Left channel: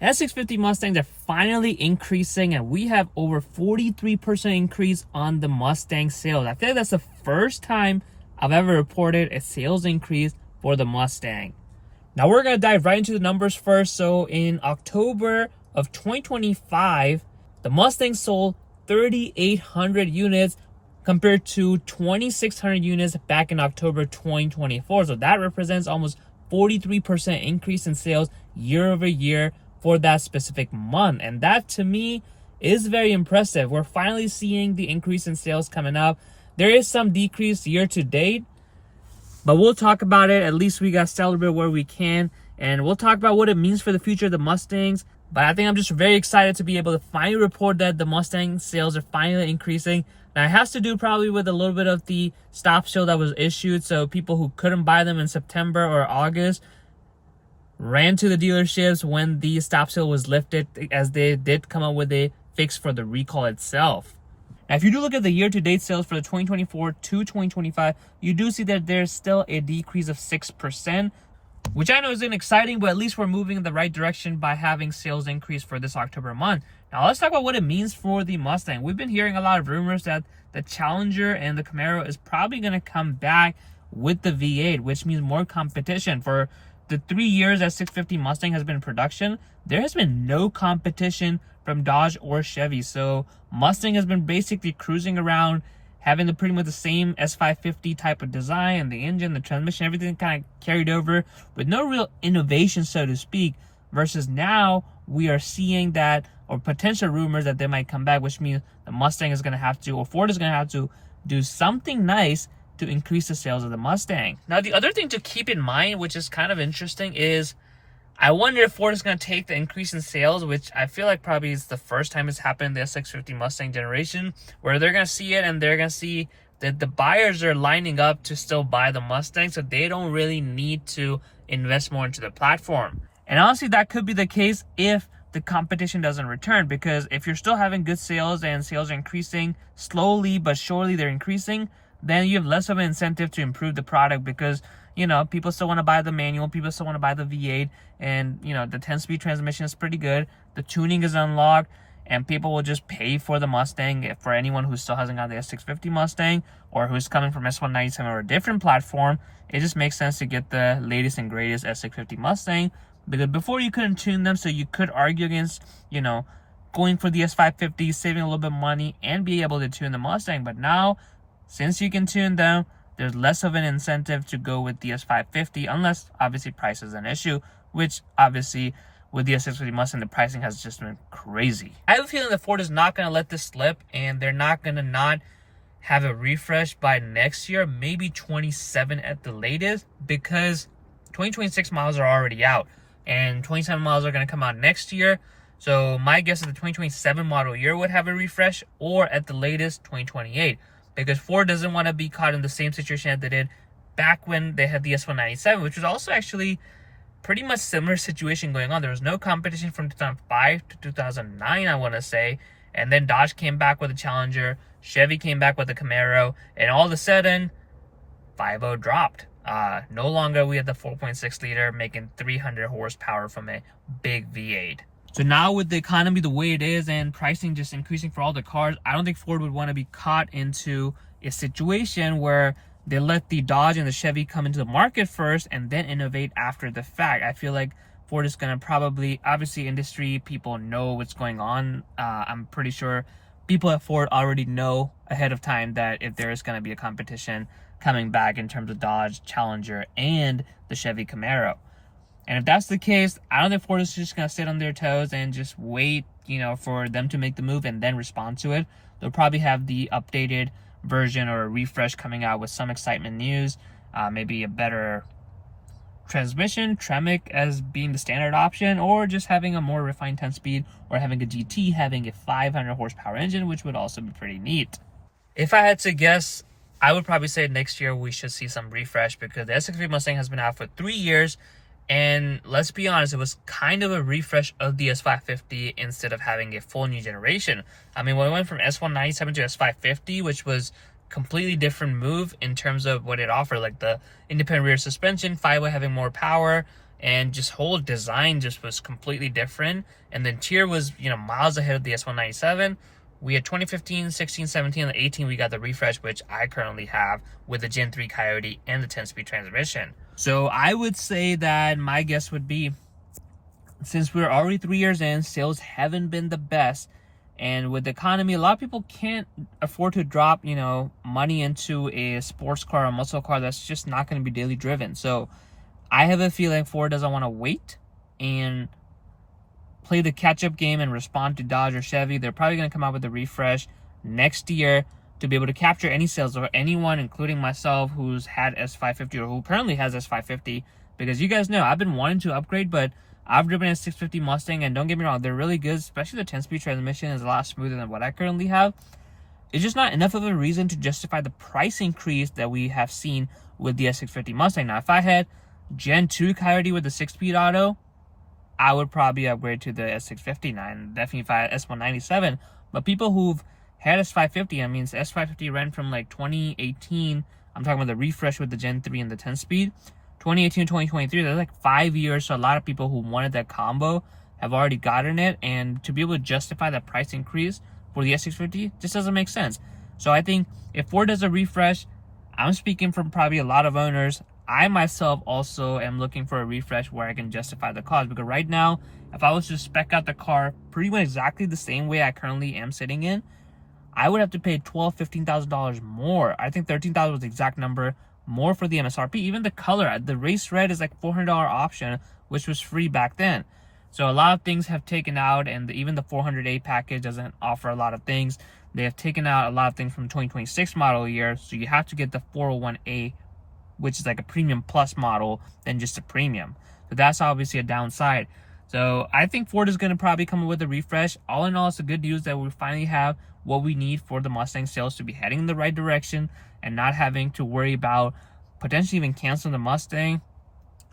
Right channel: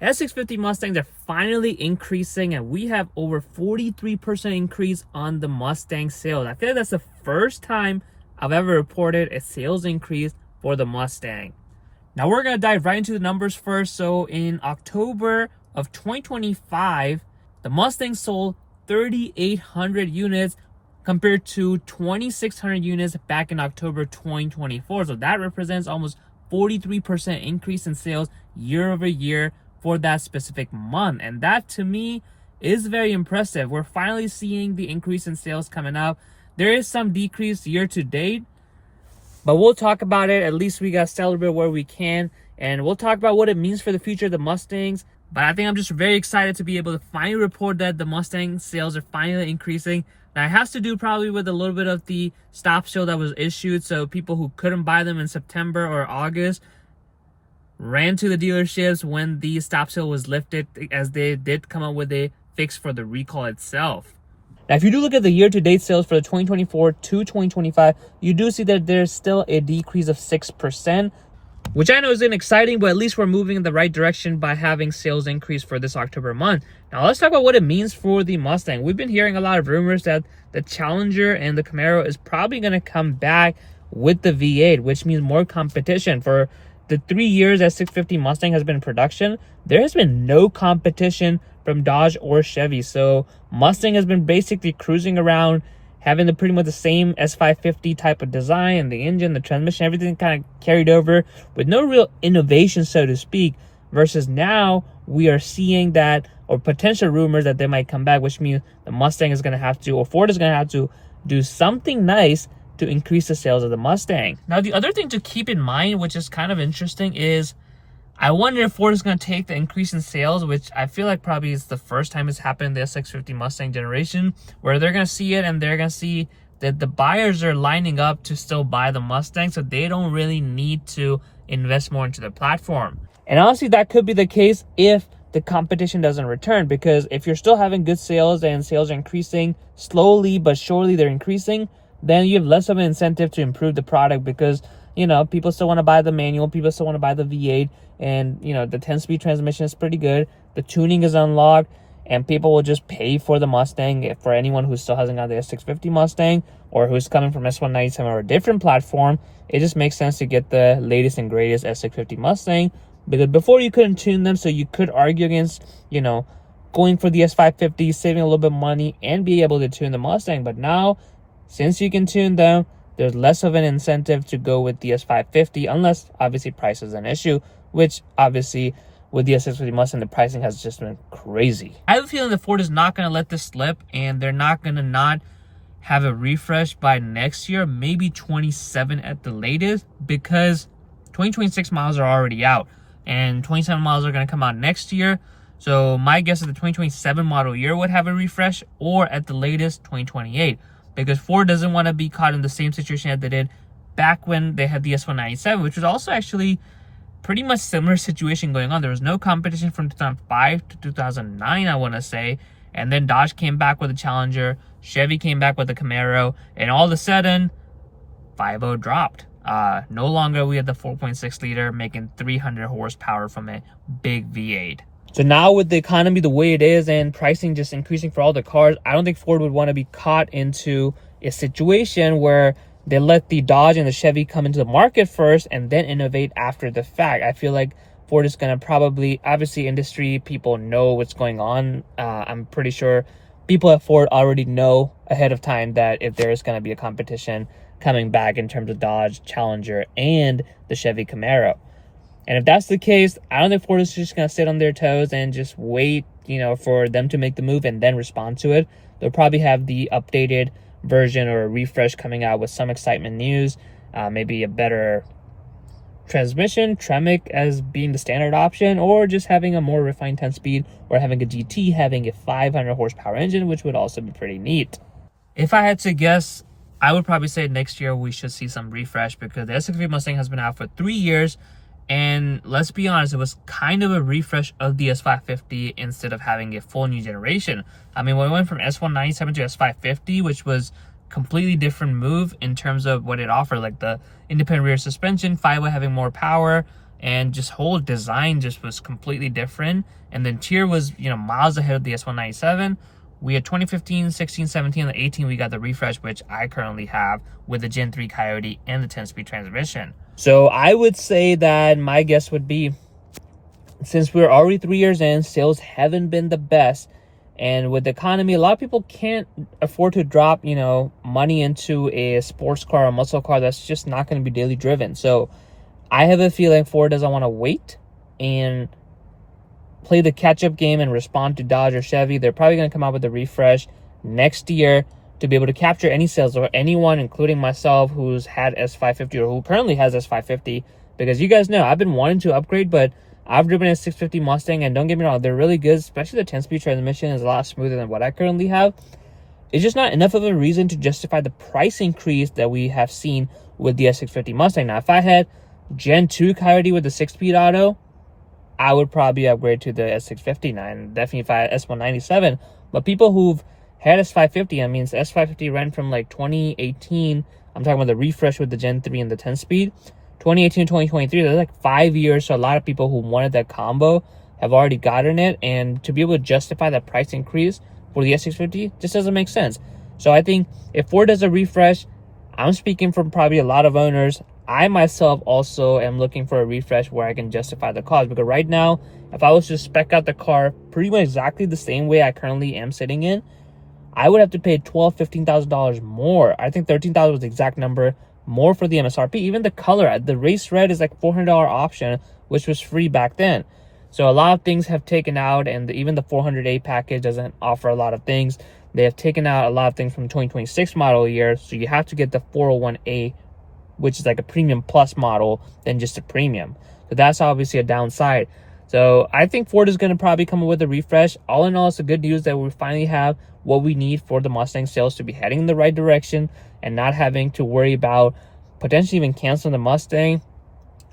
S650 Mustangs are finally increasing, and we have over 43% increase on the Mustang sales. I think that's the first time I've ever reported a sales increase for the Mustang. Now we're going to dive right into the numbers first. So in October of 2025, the Mustang sold 3,800 units compared to 2,600 units back in October 2024. So that represents almost 43% increase in sales year over year for that specific month. And that to me is very impressive. We're finally seeing the increase in sales coming up. There is some decrease year to date, but we'll talk about it. At least we got to celebrate where we can, and we'll talk about what it means for the future of the Mustangs. But I think I'm just very excited to be able to finally report that the Mustang sales are finally increasing. Now it has to do probably with a little bit of the stop sale that was issued. So people who couldn't buy them in September or August ran to the dealerships when the stop sale was lifted, as they did come up with a fix for the recall itself. Now, if you do look at the year-to-date sales for the 2024 to 2025, you do see that there's still a decrease of 6%, which I know isn't exciting, but at least we're moving in the right direction by having sales increase for this October month. Now, let's talk about what it means for the Mustang. We've been hearing a lot of rumors that the Challenger and the Camaro is probably going to come back with the V8, which means more competition. For the 3 years that 650 Mustang has been in production, there has been no competition from Dodge or Chevy. So Mustang has been basically cruising around, having pretty much the same S550 type of design, and the engine, the transmission, everything kind of carried over with no real innovation, so to speak, versus now we are seeing that, or potential rumors that they might come back, which means the Mustang is going to have to, or Ford is going to have to do something nice to increase the sales of the Mustang. Now, the other thing to keep in mind, which is kind of interesting, is I wonder if Ford is going to take the increase in sales, which I feel like probably is the first time it's happened in the S650 Mustang generation, where they're going to see it and they're going to see that the buyers are lining up to still buy the Mustang, so they don't really need to invest more into the platform. And honestly, that could be the case if the competition doesn't return, because if you're still having good sales and sales are increasing slowly but surely, they're increasing, then you have less of an incentive to improve the product, because you know, people still want to buy the manual, people still want to buy the V8, and you know, the 10-speed transmission is pretty good, the tuning is unlocked, and people will just pay for the Mustang. For anyone who still hasn't got the S650 Mustang, or who's coming from S197 or a different platform, it just makes sense to get the latest and greatest S650 Mustang, because before you couldn't tune them, so you could argue against, you know, going for the S550, saving a little bit of money, and be able to tune the Mustang. But now, since you can tune them, there's less of an incentive to go with the S550, unless obviously price is an issue, which obviously with the S650 Mustang, the pricing has just been crazy. I have a feeling that Ford is not going to let this slip, and they're not going to not have a refresh by next year, maybe 27 at the latest, because 2026 models are already out, and 27 models are going to come out next year. So my guess is the 2027 model year would have a refresh, or at the latest 2028. Because Ford doesn't want to be caught in the same situation that they did back when they had the S197, which was also actually pretty much similar situation going on. There was no competition from 2005 to 2009, I want to say. And then Dodge came back with a Challenger, Chevy came back with a Camaro, and all of a sudden, 5.0 dropped. No longer we had the 4.6 liter making 300 horsepower from a big V8. So now with the economy the way it is and pricing just increasing for all the cars, I don't think Ford would want to be caught into a situation where they let the Dodge and the Chevy come into the market first and then innovate after the fact. I feel like Ford is going to probably, obviously industry people know what's going on. I'm pretty sure people at Ford already know ahead of time that if there is going to be a competition coming back in terms of Dodge, Challenger, and the Chevy Camaro. And if that's the case, I don't think Ford is just going to sit on their toes and just wait, you know, for them to make the move and then respond to it. They'll probably have the updated version or a refresh coming out with some excitement news, maybe a better transmission, Tremec as being the standard option, or just having a more refined 10-speed, or having a GT having a 500 horsepower engine, which would also be pretty neat. If I had to guess, I would probably say next year we should see some refresh, because the S650 Mustang has been out for 3 years. And let's be honest, it was kind of a refresh of the S550 instead of having a full new generation. I mean, when we went from S197 to S550, which was completely different move in terms of what it offered, like the independent rear suspension, 5.0 having more power, and just whole design just was completely different. And the interior was, you know, miles ahead of the S197. We had 2015, 16, 17, and the 18, we got the refresh, which I currently have with the Gen 3 Coyote and the 10-speed transmission. So I would say that my guess would be, since we're already 3 years in, sales haven't been the best. And with the economy, a lot of people can't afford to drop, you know, money into a sports car or muscle car that's just not going to be daily driven. So I have a feeling Ford doesn't want to wait and play the catch-up game and respond to Dodge or Chevy. They're probably going to come out with a refresh next year to be able to capture any sales, or anyone, including myself, who's had S550 or who currently has S550. Because you guys know, I've been wanting to upgrade, but I've driven a S650 Mustang, and don't get me wrong, they're really good, especially the 10-speed transmission is a lot smoother than what I currently have. It's just not enough of a reason to justify the price increase that we have seen with the S650 Mustang. Now, if I had Gen 2 Coyote with the 6-speed auto, I would probably upgrade to the S650 now, and definitely if I had S197. But people who've had S550, I mean, S550 ran from like 2018, I'm talking about the refresh with the Gen 3 and the 10-speed, 2018 to 2023, that's like 5 years. So a lot of people who wanted that combo have already gotten it, and to be able to justify that price increase for the S650 just doesn't make sense. So I think if Ford does a refresh, I'm speaking from probably a lot of owners, I myself also am looking for a refresh where I can justify the cost. Because right now, if I was to spec out the car pretty much exactly the same way I currently am sitting in, I would have to pay $12,000, $15,000 more. I think $13,000 was the exact number more for the MSRP. Even the color, the race red is like $400 option, which was free back then. So a lot of things have taken out, and even the 400A package doesn't offer a lot of things. They have taken out a lot of things from the 2026 model year, so you have to get the 401A, which is like a premium plus model than just a premium. So that's obviously a downside. So I think Ford is going to probably come up with a refresh. All in all, it's the good news that we finally have what we need for the Mustang sales to be heading in the right direction, and not having to worry about potentially even canceling the Mustang,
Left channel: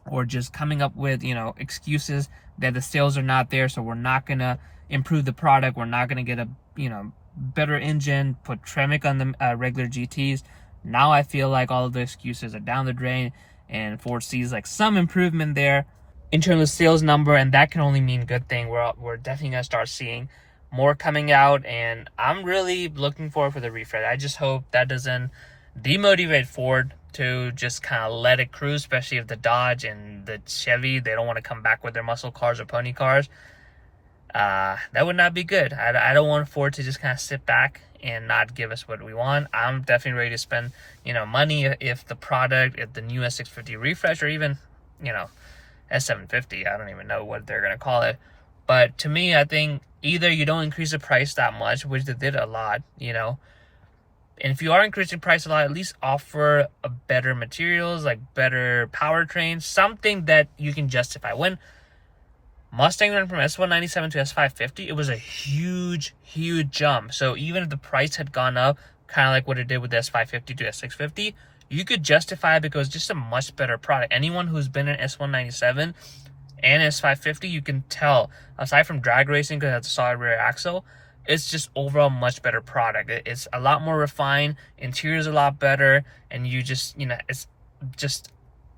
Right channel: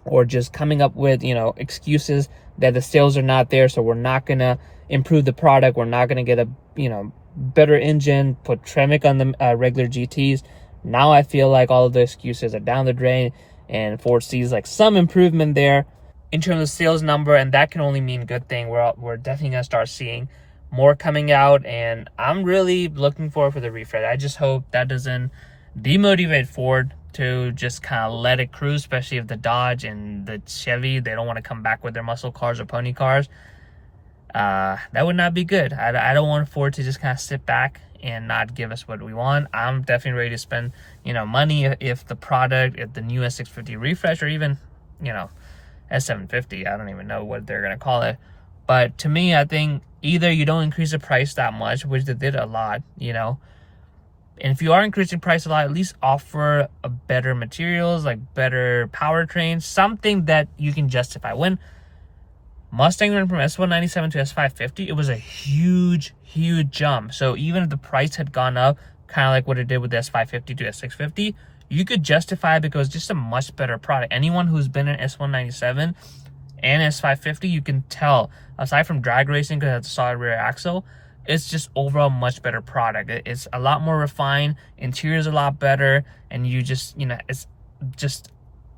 or just coming up with, you know, excuses that the sales are not there, so we're not going to improve the product. We're not going to get a, you know, better engine, put Tremec on the regular GTs. Now I feel like all of the excuses are down the drain, and Ford sees like some improvement there in terms of sales number, and that can only mean good thing. We're definitely going to start seeing more coming out, and I'm really looking forward for the refresh. I just hope that doesn't demotivate Ford to just kind of let it cruise, especially if the Dodge and the Chevy, they don't want to come back with their muscle cars or pony cars. That would not be good. I don't want Ford to just kind of sit back and not give us what we want. I'm definitely ready to spend, you know, money if the product, if the new S650 refresh, or even, you know, S750, I don't even know what they're going to call it. But to me, I think either you don't increase the price that much, which they did a lot, you know, and if you are increasing price a lot, at least offer a better materials, like better powertrain, something that you can justify. When Mustang went from S197 to S550, it was a huge jump. So even if the price had gone up, kind of like what it did with the S550 to S650, you could justify it because it's just a much better product. Anyone who's been in S197 and S550, you can tell, aside from drag racing because it has a solid rear axle, it's just overall much better product. It's a lot more refined, interior's a lot better, and you just, you know, it's just,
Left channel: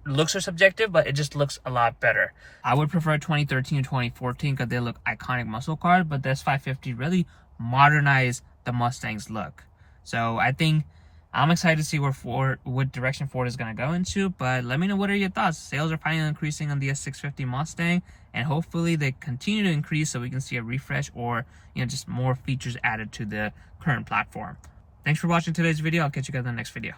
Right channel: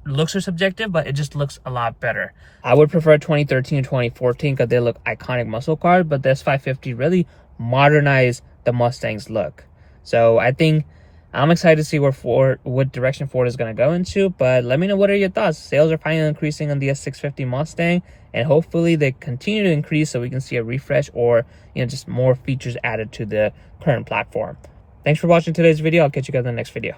looks are subjective, but it just looks a lot better. I would prefer 2013 and 2014 because they look iconic muscle cars, but the S550 really modernized the Mustang's look. So I think I'm excited to see what direction Ford is going to go into, but let me know, what are your thoughts? Sales are finally increasing on the S650 Mustang, and hopefully they continue to increase so we can see a refresh, or, you know, just more features added to the current platform. Thanks for watching today's video. I'll catch you guys in the next video.